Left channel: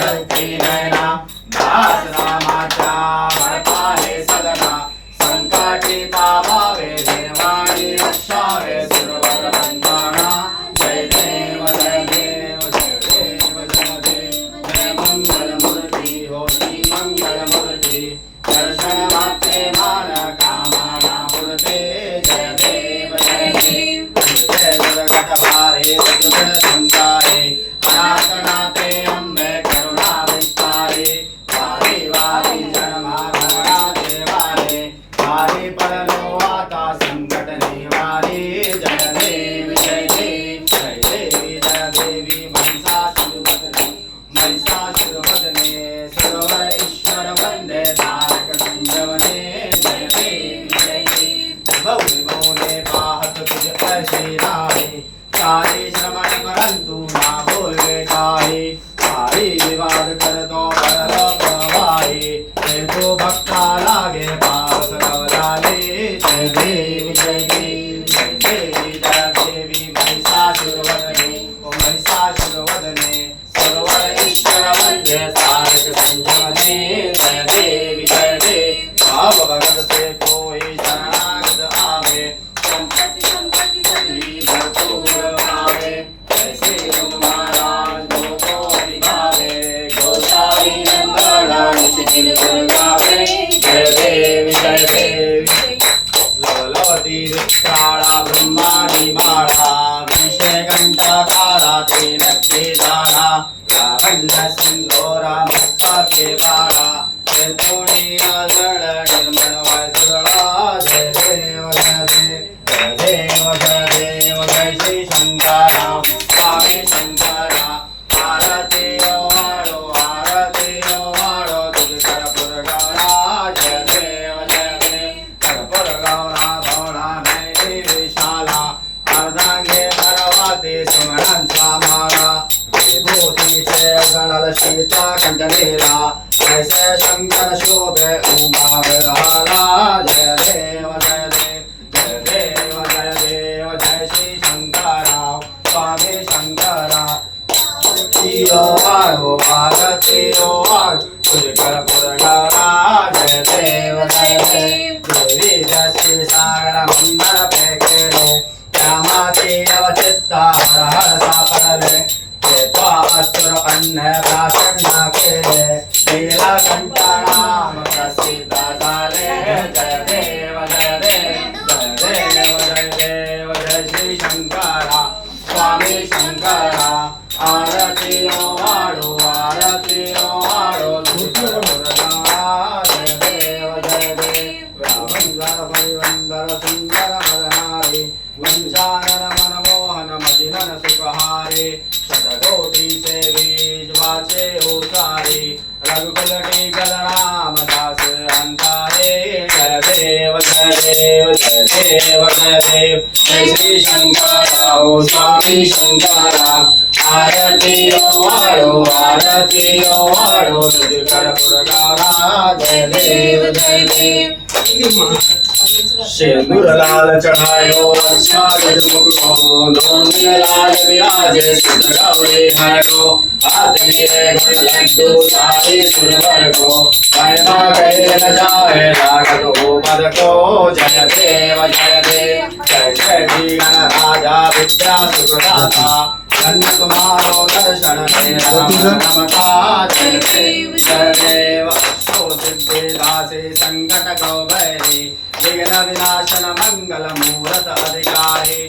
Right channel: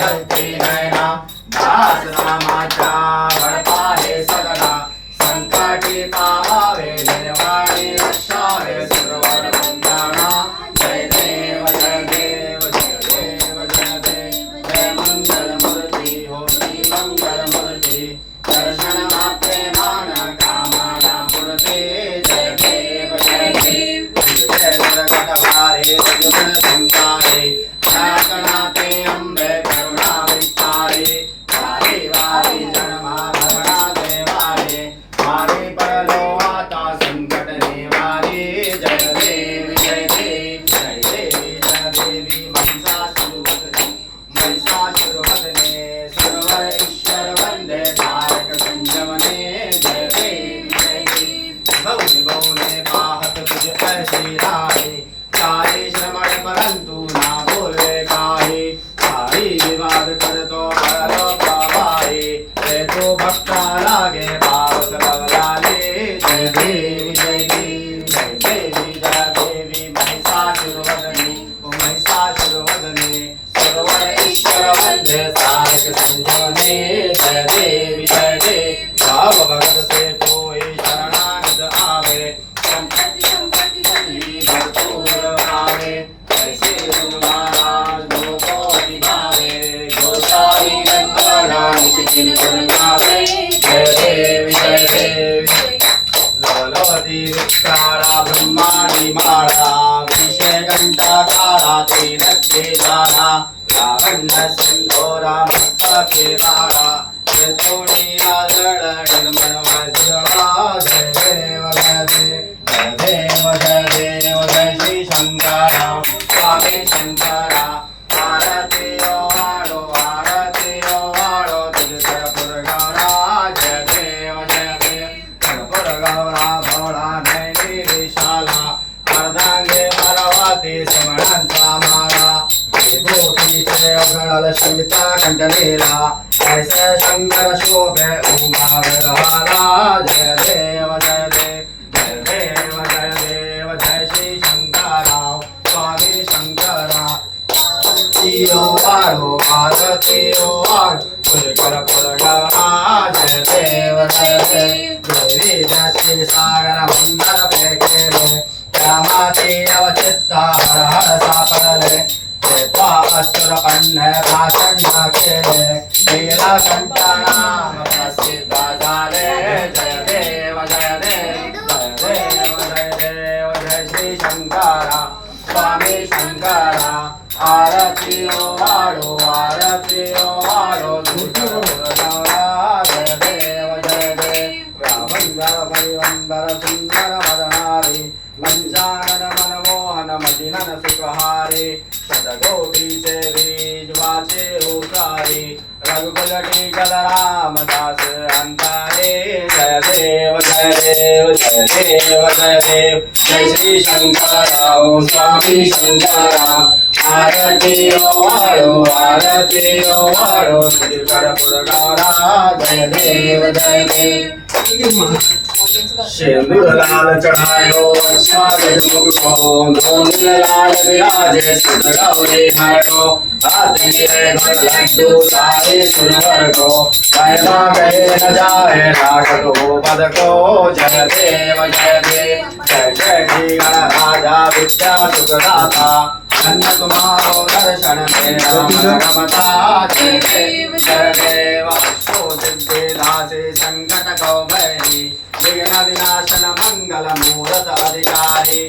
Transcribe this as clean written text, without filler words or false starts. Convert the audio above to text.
शक्ती नयना दास नामाच्या वरपाहे सदना संकटी पावावे निर्वाणी रक्षावे सुरवर वंदना जय देव जय देव जय देव जय देव जय मंगल मूर्ती होती मंगल मूर्ती दर्शन मात्रे मान कामना मूर्ते जय देव जय देव जय जगत भारे जगत संसारे नाते अंबे करुणा विस्तारे वारी वारी जन्मा भरणा देवारे वारी पडलो आता संकट निवारी जय देवी जय देवी जय देवी जय देवी महिषासुरमर्दिनी सुरवर ईश्वर वंदे तारक संजीवने जय देवी जय देवी भौने भौने पाहत तुझ ऐसे राहे काले श्रमण परंतु ना बोले काहे सारी विवाद करतो बळलो प्रवाहे ते तो भक्ता लागे पावस कवलाले जय देवी जय देवी जय देवी जय देवी महिषासुरवदने महिषासुरवदने सर्वर ईश्वर वंदे तारक संजीवने जय देवी जय देवी भाव भगत से कोई शरणागत आवे संपत्ति संपत्ति सभी भरपूर आवे ऐसे महाराज लोको दिखावे गोसाई नंदना निशिकिन गुरगावे जय देवी जय देवी लोलवती विस्तारा ब्रह्माणी माळा विषय घंटा काळा ते नक्की जाणा लावण्य सिंधोरा मस्तके बाळा चतुणी आगळ निर्मळ वज्रळा जय देव जय देव जय देव जय देव जय श्री शंकरा स्वामी शंकरा आरती ओवाळो तुझ कर्पूर गौरा जय देव कर्पूर गौरा भोळा नैनी विशाला अर्धांगे मरवाती सुमणांचा माला विभूतीचे गळल शिवच्या कंठनेला ऐसे शंकर शोभे उमा विरहाला जय देव जय देव जय देव जय देव जय श्री शंकरा स्वामी शंकरा आरती ओवाळो तुझ कर्पूर गौरा जय देव जय देव देवी जय सागर मंदर पेकेले रामाती अवचित्ता हर हर सापडले असुर अन्न भाषण केले नीलकंठनाम प्रसिद्ध झाले जय देव जय देव जय देव जय देव जय श्री शंकरा स्वामी शंकरा आरती ओवाळो जय देव जय देव रामंगल परिवंदर सुंदर मदनारे मंजानन मनमोहन मदिनन सुखहारे शतकोटि से बीज वाचे उसारे रघुकुलटी गल रामदास अंतारे जय देव जय देव जय देव जय देव जय श्री शंकरा ओ स्वामी शंकरा आरती ओवाळो तुझ कर्पूर गौरा जय देव जय देव सिंदूर लाल चढ़ायो स्वागत मुख को दोन लाल विराजे सुत गौरी हर को हाथ लिए लड्डू सारे सुरवर को कहना कहे न जाए रागत हो पद को जय देव जय देव जय जय श्री गणराजा विद्या सुखदाता धन्य तुम्हारो दर्शन रमता जय देव जय देव सिद्धि दासे संकट को भय विघ्न विनाशन मंगल मूरत अधिकारी